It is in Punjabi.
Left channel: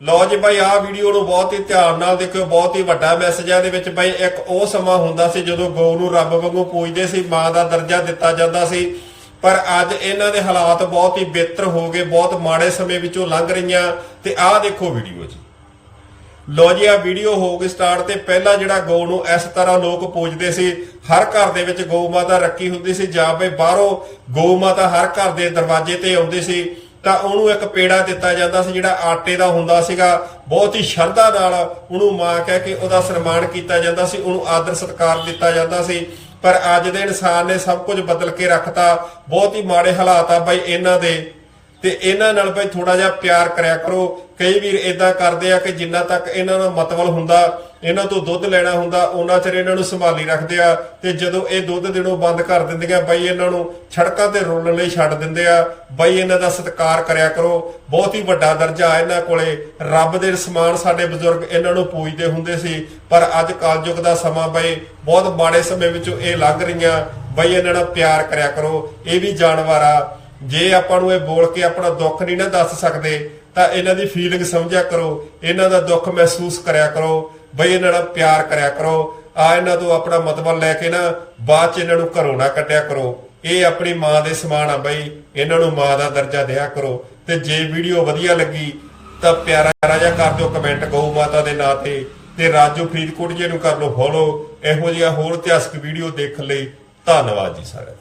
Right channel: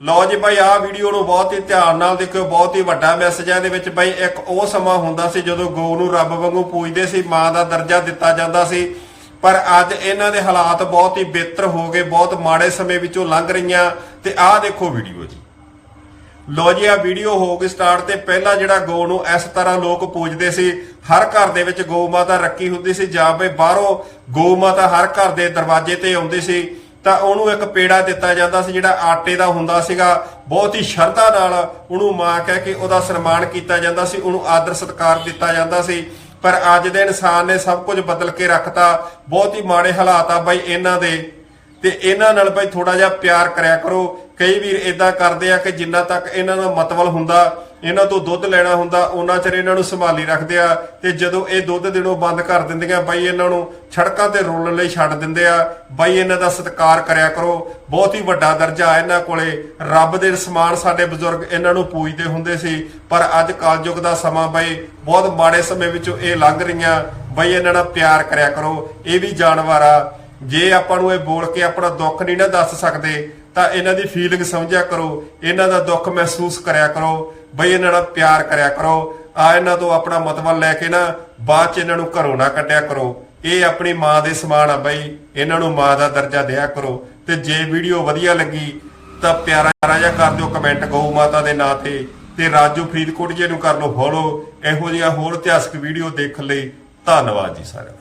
ਲਓ ਜੀ ਬਾਈ ਆਹ ਵੀਡੀਓ ਨੂੰ ਬਹੁਤ ਹੀ ਧਿਆਨ ਨਾਲ ਦੇਖਿਓ, ਬਹੁਤ ਹੀ ਵੱਡਾ ਮੈਸੇਜ ਹੈ ਇਹਦੇ ਵਿੱਚ ਬਾਈ ਇੱਕ ਉਹ ਸਮਾਂ ਹੁੰਦਾ ਸੀ ਜਦੋਂ ਗਊ ਨੂੰ ਰੱਬ ਵਾਂਗੂ ਪੂਜਦੇ ਸੀ, ਮਾਂ ਦਾ ਦਰਜਾ ਦਿੱਤਾ ਜਾਂਦਾ ਸੀ। ਪਰ ਅੱਜ ਇਹਨਾਂ ਦੇ ਹਾਲਾਤ ਬਹੁਤ ਹੀ ਬਿਹਤਰ ਹੋ ਗਏ, ਬਹੁਤ ਮਾੜੇ ਸਮੇਂ ਵਿੱਚੋਂ ਲੰਘ ਰਹੀਆਂ। ਤੇ ਆਹ ਦੇਖੋ ਵੀਡੀਓ ਜੀ। ਲੋ ਜੀ ਆ ਵੀਡੀਓ ਹੋ ਗਈ ਸਟਾਰਟ ਤੇ। ਪਹਿਲਾਂ ਜਿਹੜਾ ਗਊ ਨੂੰ ਇਸ ਤਰ੍ਹਾਂ ਲੋਕ ਪੂਜਦੇ ਸੀ, ਹਰ ਘਰ ਦੇ ਵਿੱਚ ਗਊ ਮਾਤਾ ਰੱਖੀ ਹੁੰਦੀ ਸੀ। ਜਾਂ ਬਈ ਬਾਹਰੋਂ ਗਊ ਮਾਤਾ ਹਰ ਘਰ ਦੇ ਦਰਵਾਜ਼ੇ ਤੇ ਆਉਂਦੀ ਸੀ। ਤਾਂ ਉਹਨੂੰ ਇੱਕ ਪੇੜਾ ਦਿੱਤਾ ਜਾਂਦਾ ਸੀ ਜਿਹੜਾ ਆਟੇ ਦਾ ਹੁੰਦਾ ਸੀਗਾ। ਬਹੁਤ ਹੀ ਸ਼ਰਧਾ ਨਾਲ ਉਹਨੂੰ ਮਾਂ ਕਹਿ ਕੇ ਉਹਦਾ ਸਨਮਾਨ ਕੀਤਾ ਜਾਂਦਾ ਸੀ, ਉਹਨੂੰ ਆਦਰ ਸਤਿਕਾਰ ਦਿੱਤਾ ਜਾਂਦਾ ਸੀ। ਪਰ ਅੱਜ ਦੇ ਇਨਸਾਨ ਨੇ ਸਭ ਕੁਝ ਬਦਲ ਕੇ ਰੱਖਤਾ। ਬਹੁਤ ਹੀ ਮਾੜੇ ਹਾਲਾਤ ਆ ਬਾਈ ਇਹਨਾਂ ਦੇ। ਤੇ ਇਹਨਾਂ ਨਾਲ ਭਾਈ ਥੋੜਾ ਜਿਹਾ ਪਿਆਰ ਕਰਿਆ ਕਰੋ। ਕਈ ਵੀਰ ਇਦਾਂ ਕਰਦੇ ਆ ਕਿ ਜਿੰਨਾ ਤੱਕ ਇਹਨਾਂ ਦਾ ਮਤਵਲ ਹੁੰਦਾ ਇਹਨਾਂ ਤੋਂ ਦੁੱਧ ਲੈਣਾ ਹੁੰਦਾ, ਉਹਨਾਂ ਚਿਰ ਇਹਨਾਂ ਨੂੰ ਸੰਭਾਲੀ ਰੱਖਦੇ ਆ ਤੇ ਜਦੋਂ ਇਹ ਦੁੱਧ ਦੇਣੋਂ ਬੰਦ ਕਰ ਦਿੰਦੀਆਂ, ਬਾਈ ਇਹਨਾਂ ਨੂੰ ਸੜਕਾਂ ਤੇ ਰੋਲਣ ਲਈ ਛੱਡ ਦਿੰਦੇ ਆ। ਬਾਈ ਇਹਨਾਂ ਦਾ ਸਤਿਕਾਰ ਕਰਿਆ ਕਰੋ। ਬਹੁਤ ਹੀ ਵੱਡਾ ਦਰਜਾ ਆ ਇਹਨਾਂ ਕੋਲੇ। ਰੱਬ ਦੇ ਸਮਾਨ ਸਾਡੇ ਬਜ਼ੁਰਗ ਇਹਨਾਂ ਨੂੰ ਪੂਜਦੇ ਹੁੰਦੇ ਸੀ, ਪਰ ਅੱਜ ਕਾਲਯੁਗ ਦਾ ਸਮਾਂ ਬਾਈ, ਬਹੁਤ ਮਾੜੇ ਸਮੇਂ ਵਿੱਚੋਂ ਇਹ ਲੰਘ ਰਹੀਆਂ। ਬਾਈ ਇਹਨਾਂ ਨਾਲ ਪਿਆਰ ਕਰਿਆ ਕਰੋ। ਇਹ ਵੀ ਜਾਨਵਰ ਆ। ਜੇ ਆਪਾਂ ਨੂੰ ਇਹ ਬੋਲ ਕੇ ਆਪਣਾ ਦੁੱਖ ਨਹੀਂ ਨਾ ਦੱਸ ਸਕਦੇ, ਤਾਂ ਇਹਨਾਂ ਦੀ ਫੀਲਿੰਗ ਸਮਝਿਆ ਕਰੋ। ਇਹਨਾਂ ਦਾ ਦੁੱਖ ਮਹਿਸੂਸ ਕਰਿਆ ਕਰੋ। ਬਈ ਇਹਨਾਂ ਨਾਲ ਪਿਆਰ ਕਰਿਆ ਕਰੋ। ਆ ਇਹਨਾਂ ਤੋਂ ਆਪਣਾ ਮਤਲਬ ਲੈ ਕੇ ਨਾ ਬਾਅਦ ਚ ਇਹਨਾਂ ਨੂੰ ਘਰੋਂ ਨਾ ਕੱਢਿਆ ਕਰੋ। ਇਹ ਆਪਣੀ ਮਾਂ ਦੇ ਸਮਾਨ ਆ ਬਈ। ਇਹਨਾਂ ਨੂੰ ਮਾਂ ਦਾ ਦਰਜਾ ਦਿਆ ਕਰੋ। ਤੇ ਜੇ ਵੀਡੀਓ ਵਧੀਆ ਲੱਗੀ ਤਾਂ ਪਿਆਰਾ ਰਾਜਾ ਕਰ ਦਿਓ, ਕਮੈਂਟ ਗਊ ਮਾਤਾ ਦੇ ਨਾਂ ਤੇ। ਤੇ ਰਾਜੂ ਫਰੀਦਕੋਟ ਜੀ ਨੂੰ ਕਰ ਲਓ ਫੋਲੋ। ਇਹੋ ਜਿਹੀਆਂ ਹੋਰ ਇਤਿਹਾਸਕ ਵੀਡੀਓ ਦੇਖਣ ਲਈ ਧੰਨਵਾਦ ਜੀ ਸਾਰਿਆਂ ਦਾ।